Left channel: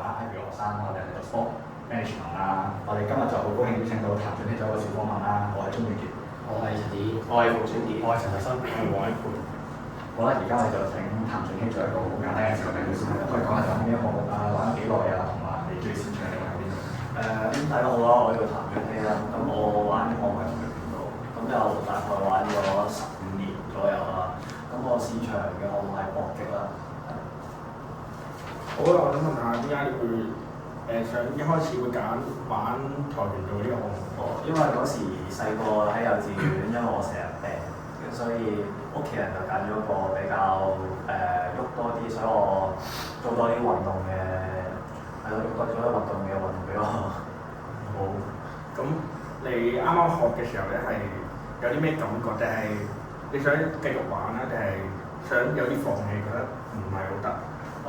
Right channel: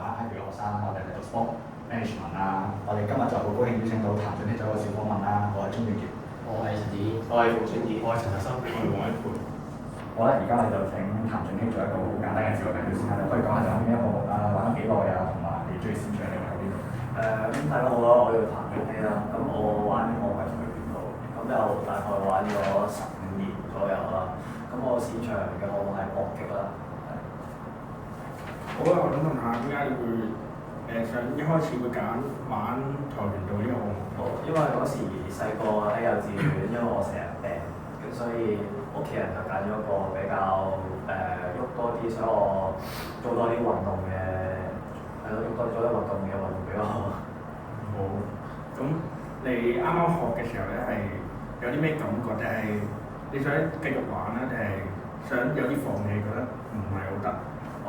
灣 IB 嘅學生，我哋係 Sport Management 啦。我哋今日就好高興邀請到譚俊僖做一個小訪問啦。我係鍾遠傑，我係陳子，我係馮俊傑，我係陳學生，我係黃偉培。好啦，而家我哋就請譚俊僖做一個好簡單嘅自我介紹先啦。可以講下你玩邊一個項目啦，玩咗幾耐啊，同埋你最擅長嘅係邊度？咁大家好啦，我叫譚俊僖啦。咁我玩嘅項目係跆拳道，咁就大概玩咗15年左右啦。咁我擅長嘅項目係搏擊啦。好啦，我想問下點解你會想一開始會揀玩跆拳道呢個項目？因為嗰時細個喺幼稚園，因為我成日病，所以屋企人就揀咗一個比較喐多啲，所以我做多啲運動嘅，係咯，做多啲運動嘅運動俾我。好。咁你啱啱學嘅時候咧，係有啲咩感覺？定係你想繼續玩啦，定係想有啲放棄，覺得唔係好得？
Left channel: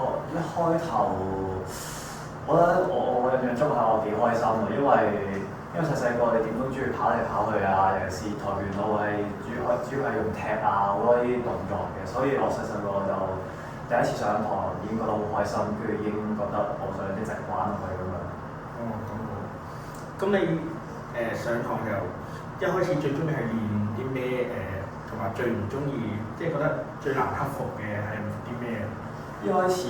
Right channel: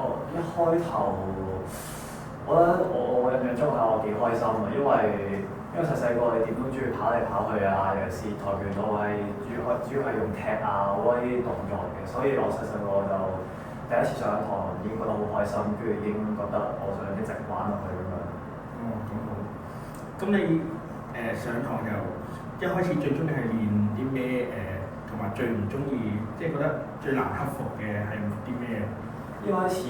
一開頭，我覺得我印象中係我幾開心嘅，因為細細個你點都中意跑嚟跑去啊，尤其是跆拳道係主要係用踢啊好多啲動作嘅，所以我細細個就第一次上堂已經覺得好開心，跟住已經覺得我想一直玩落去咁樣。哦，咁好。咁你上堂又一開始最中意係練啲咩？同埋最唔中意，即係覺得最難克服嘅係啲咩？一開始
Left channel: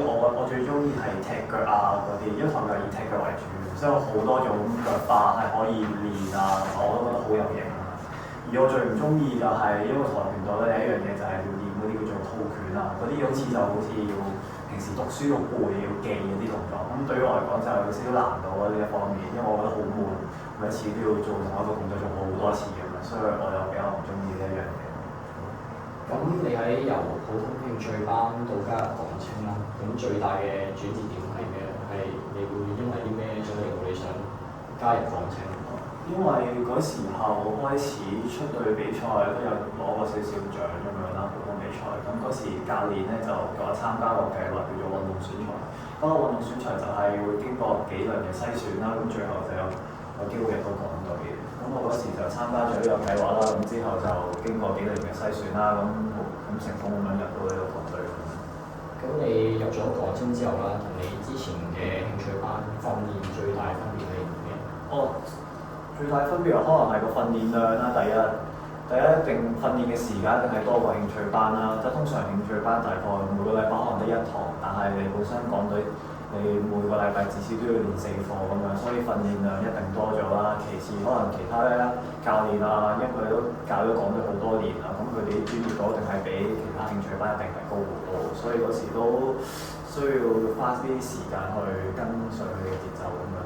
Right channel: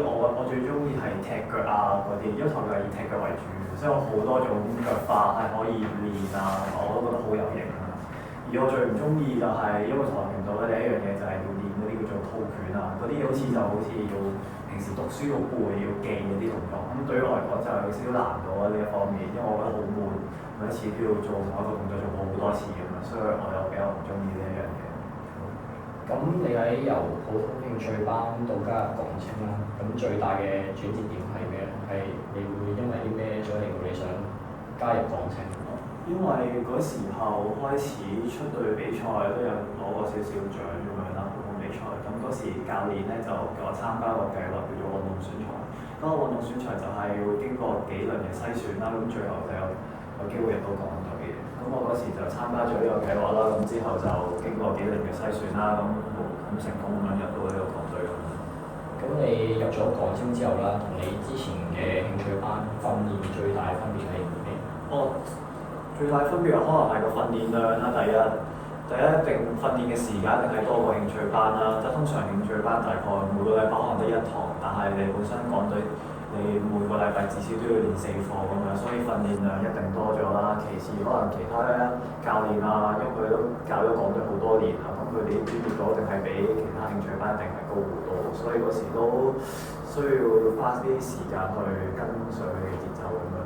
我最中意係踢腳啊嗰啲，因為跆拳道係以踢腳為主，所以有好多種腳法係可以練啊，我都覺得好有型啊。而我最唔中意就係因為跆拳道咧有一樣嘢就係要練嗰啲叫做套拳啊，嗰啲好似要平時讀書要背要記嗰啲動作，咁對於我嚟講就有少少難度啊呢一方面，因為我覺得好悶，每一次都要做同一個動作做好多次咁樣，所以我就比較唔中意呢一樣嘢。咁你喺由普通興趣班到加入港青啦，咁最大嘅轉折點係咩？係你會因為啲咩所以令到你想加入港青？因為嗰時候開始出隊比賽都有攞過少少獎咁樣啦，普通比賽。咁嗰時教練咧就叫我參加個計劃叫做運動選材。嗰個運動選材就係會經過幾輪嘅篩選啦，咁最後就有機會入到港隊嘅。咁我嗰時就參加咗呢個計劃啦，咁之後就經過幾輪嘅篩選啦，咁成功咁樣入到呢個港隊。咁你入咗港青之後啦，同你之前嘅興趣班訓練最大分別係咩？最大分別可能係個訓練量啦，第一定訓練嘅時間一定係多過興趣班啦。即係通常興趣班大概每個禮拜可能得一堂，但係你本身港隊你每個禮拜至少都要練4課咁樣，所以訓練量一定多咗啦。其次可能其他咧教練啊，因為佢都教咗港隊好多年啦，咁佢哋啲專業度一定係比其他興趣班一定係高好多，所以嗰時都需要花啲時間去跟隨佢嘅節奏咁樣。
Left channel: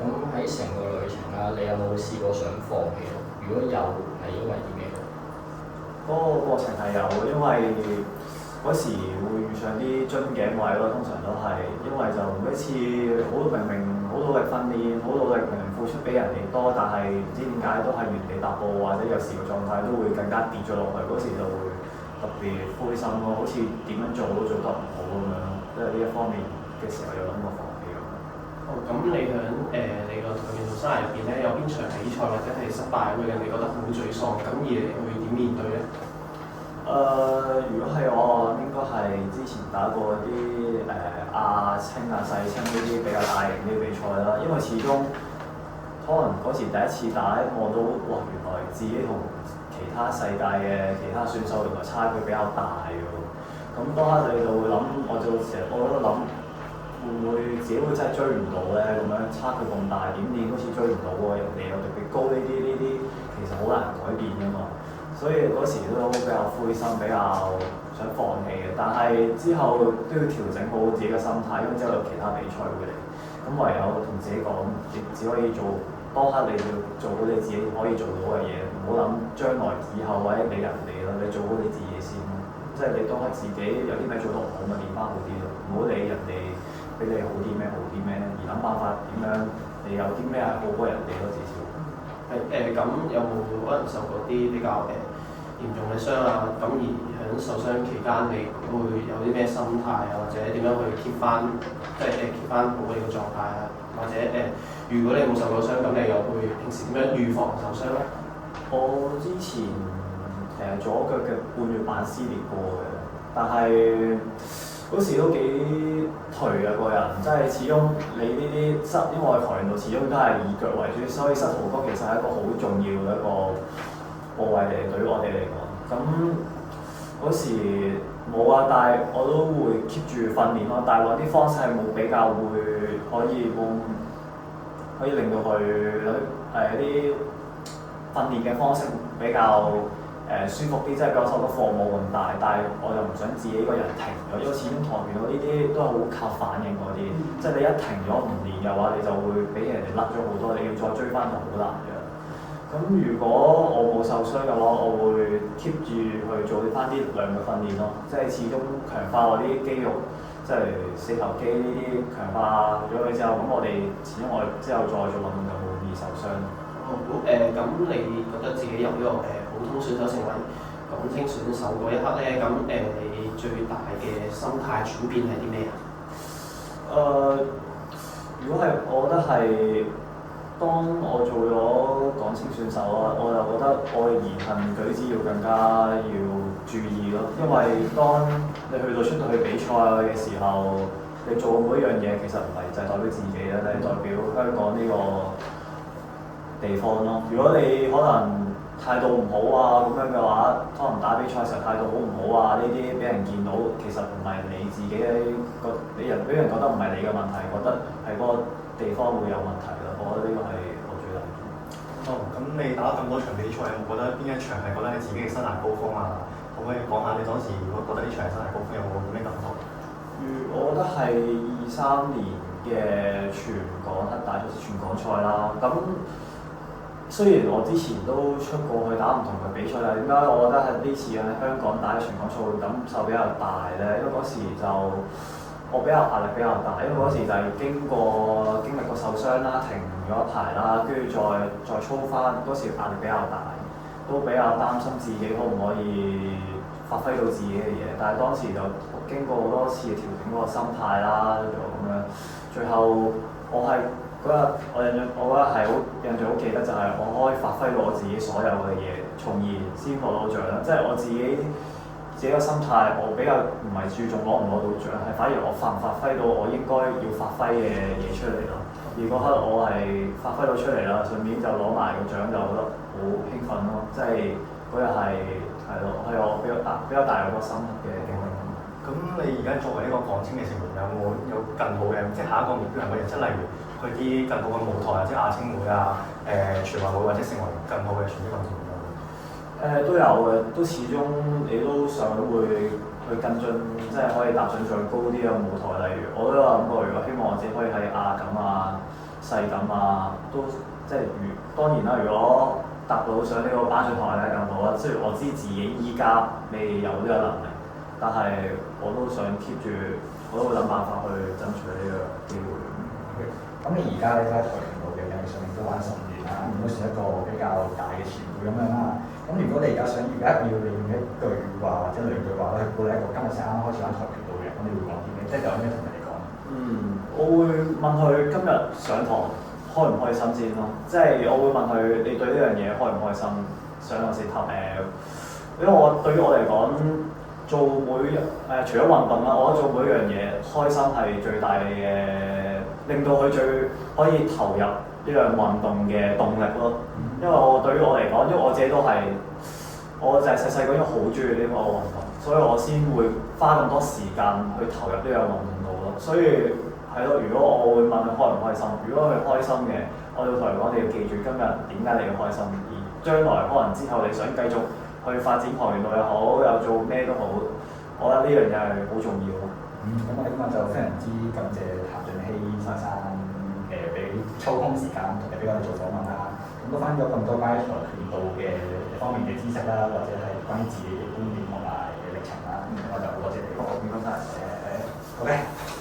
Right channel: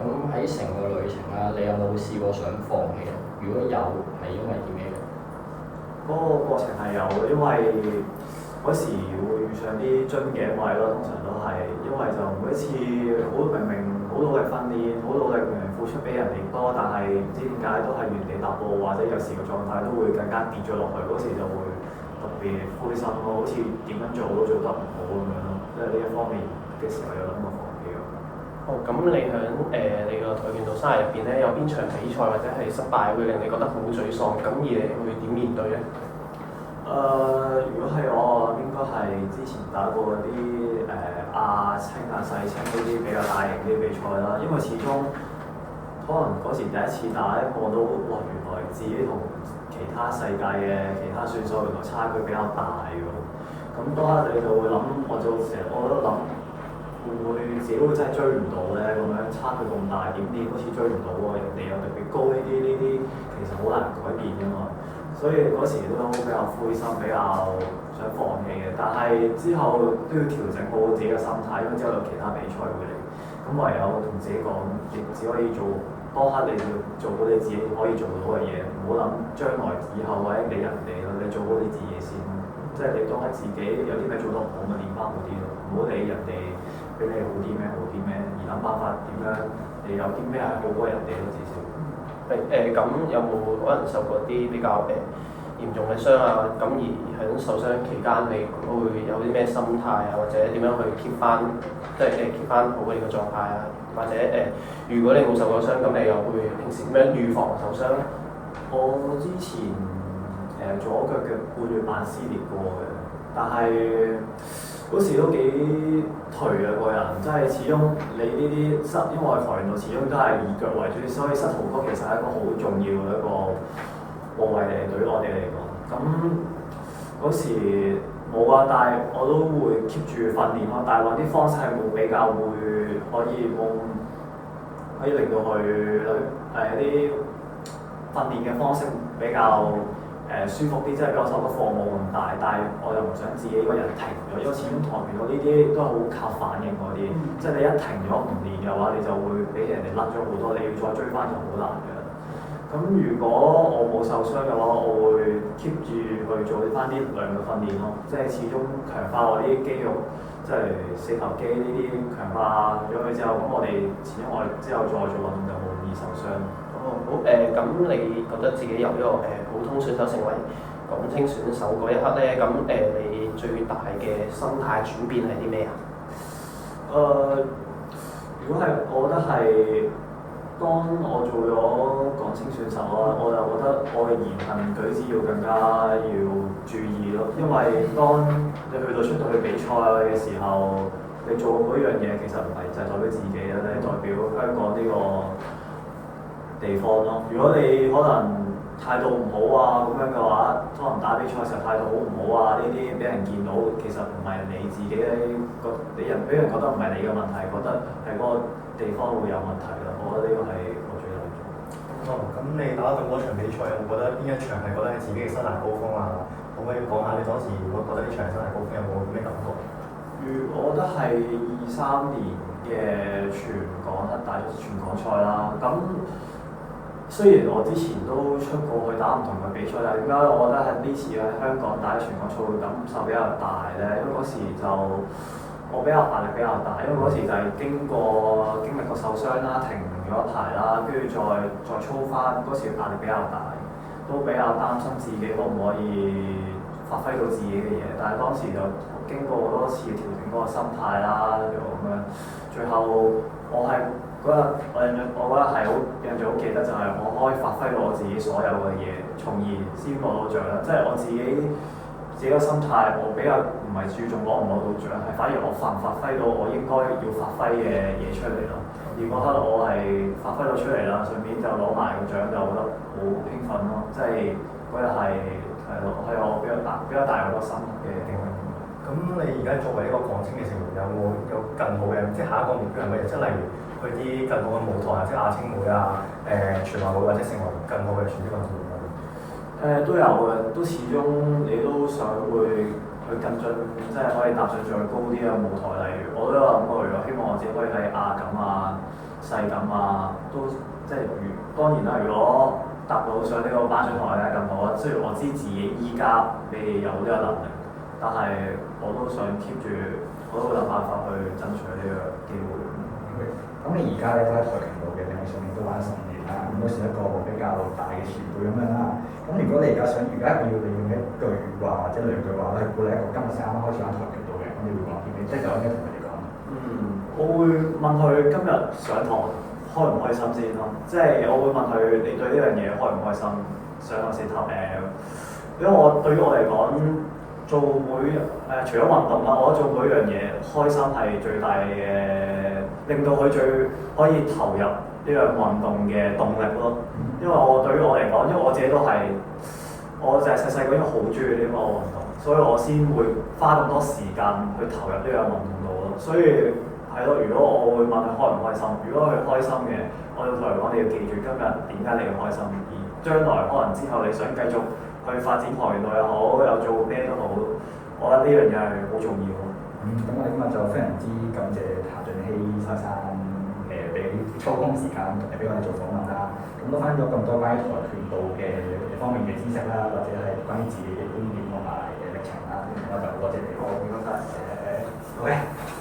咁喺成個旅程啦，你有冇試過想放棄？如果有，係因為啲咩？嗰個過程係有，因為嗰時會遇上啲樽頸位咯，通常都係，因為就每一次明明好努力訓練，好努力明明付出比人哋多，但係唔知點解都係原地踏步，或者有時個狀態都會更加跌咗落去，嗰時就會特別灰心咯，好似點樣做都做得唔好咁樣咯，即係呢一方面嘅時候有咁嘅放棄。咁你喺你個跆拳道生涯入邊咧，有邊場比賽或者係失敗會令你覺得好沮喪？咁而你會點面對咧？如果係我應該係之前打過嗰啲亞青啊、世青呢啲比較大型啲比賽啦，因為始終可能嗰時第一次打一個都哇，原來自己同其他世界嘅其他選手原來差距比較大㗎。咁當刻你就會諗，我都諗。會唔會自己會真係追唔到咧？咁樣差距咁大，點好似追唔到喎？人哋又特別高呢啲其實好難改變㗎嘛。所以嗰時都比較灰心，比較想放棄嘅。但係之後都要調整好自己嘅心態，咁之後有其他比賽會嚟，咁唯有同自己講，亦只可以做當刻你要做到你自己可以做到嘅嘢，唔好諗將來以後或者俾人哋咯，你做好你自己先咯。即係你當係自己有啲咩做得唔好，咪練翻好啲咯，唔好理人哋俾你好啲咩，而諗辦法點樣你有啲咩係好過人哋咯，至少。咁有冇可能受過啲比較嚴重嘅傷啊？咁而喺受傷期間，你會有啲咩心態啊？或者點樣去 keep 翻，即係keep 翻好你個狀態啊？或者如果你冇受過傷，咁你又會平時點樣預防受傷咧？我之前左腳嘅半月板撕裂過嘅，但係嗰時都幾頹啊個人，即係始終你呢啲因為跆拳道始終都係以腳為主，所以膝頭哥其實係一個好重要嘅一個部位嚟，對於我哋嚟講。咁嗰時冇啊，但係我都會 keep 住訓練咯。但係揾啲方式係會比較會可以令到佢一啲訓練嘅方式比較舒服啲，即係嗰手個課冇咁大，但係我又唔想自己一個人停咗，因為始終跆拳道呢啲都係好靠反應嗰啲，即係你一停咗唔練嘅話，你就會俾人哋甩咗好多，你要再追翻就好難嘅。咁如果我冇受傷嘅話，我會 keep 住去做翻啲力量嘅訓練咯，即係始終強化我啲肌肉，即係四頭肌呢啲強化咗佢之後，咁我哋始終我哋之後再做運動就冇易受傷。好咁你覺得自己由呢個普通選手成為港青選手嗰一刻咧，咁你最大嘅心態轉變係啲咩啊？如果係我覺得係當我做咗港青選手啦，我就覺得我嘅言行舉止要更加要注意咯，因為當你出到去比賽嘅時候，你做每一樣嘢其實唔係就係代表自己啦，你係代表香港呢個地方咯。如果你可能態度唔好啊咁樣嘅話，可能打比賽時候態度好唔好啊，呢啲俾人見到，其實唔係你自己俾人覺得唔係你嘅問題，覺得係嗰個地方會有問題啦。我覺得呢個係我最大嘅。咁你打咗咁多場比賽，有冇覺得邊一場係覺得你自己嘅生涯高峰啊？可唔可以講下你當時如果覺得呢場係生涯高峰，有冇咩感覺？我覺得係23年嘅全港賽啦。咁雖然我之前都出過去打唔同嘅比賽，但係點解我覺得係呢次喺香港打全港賽會感受比較大咧？因為嗰時就我比較壓力比較大，因為嗰時就係經歷過受傷啦，停咗一排啦，跟住再操翻，嗰時壓力比較大，都比較擔心自己可唔可以發揮到自己嘅嘢。但係當時就經過好多次調整嗰個心態啦，就咁樣，最後我係嗰日我覺得係好印象好記得，就係我可以發揮到我自己所有嘅嘢，從而先攞到獎啦。即係我自己個心態，我比較唔係注重攞唔攞到獎，係反而我發唔發揮到我應該要發揮嘅嘢出嚟咯。而嗰刻我係發揮到出嚟啦，順便就攞埋個獎，就覺得好興奮咯。即係嗰日係我比較大個心嘅經歷。咁你而家作為一個港青嘅成員，有更好嘅，即係下一個目標係乜嘢？即係例如去啲更好嘅舞台啊，即係亞青會啊、全運會或者成為更好嘅全職運動員。都有嘅，都始終你都想會去跟進，即係可以踏上再高啲嘅舞台。例如我都有諗過，如果希望我自己可以喺亞錦啊、世錦啊，都即係當然啦。如果踏到上呢個頒獎台咧更好啦。雖然我知自己依家未有呢個能力，但係我都想 keep 住，我都會諗辦法去爭取呢個機會。咁你而家咧都喺跆拳道嘅領域上面都玩10年啦，咁都算一個比較大嘅前輩咁樣啦。咁如果你而家要你用一句話或者兩句話咧，鼓勵一個今日先啱啱開始玩跆拳道嘅人，咁你會講啲咩？即係有咩同佢哋講？我會問佢今日上堂開唔開心先咯。即係我會問佢你對呢樣嘢開唔開心？上堂先頭因為對於我嚟講，除咗運動啦，我覺得做每一樣嘢開心係最大嘅，令到佢最可以投入呢樣運動嘅動力咯。因為對於我嚟講，因為我自己都係，我就係細細個已經好中意呢個運動，所以我先會花咁多時間去投入呢樣運動度咯。所以係咯，如果我會問佢開唔開心，如果佢開心嘅，我要同佢講你要記住今日點解你要開心，而將來可能之後你想繼續去發展跆拳道又好，又做咩都好，我覺得呢樣嘢係好重要。咁我哋今日就非常之感謝譚俊僖先生俾抽空時間同埋俾我哋做訪問啦。咁都翻咗咁多關於跆拳道嘅方面嘅知識啦，或者係關於自己嘅經驗同埋歷程啦。咁我就好多謝你。好，唔該晒。好嘅。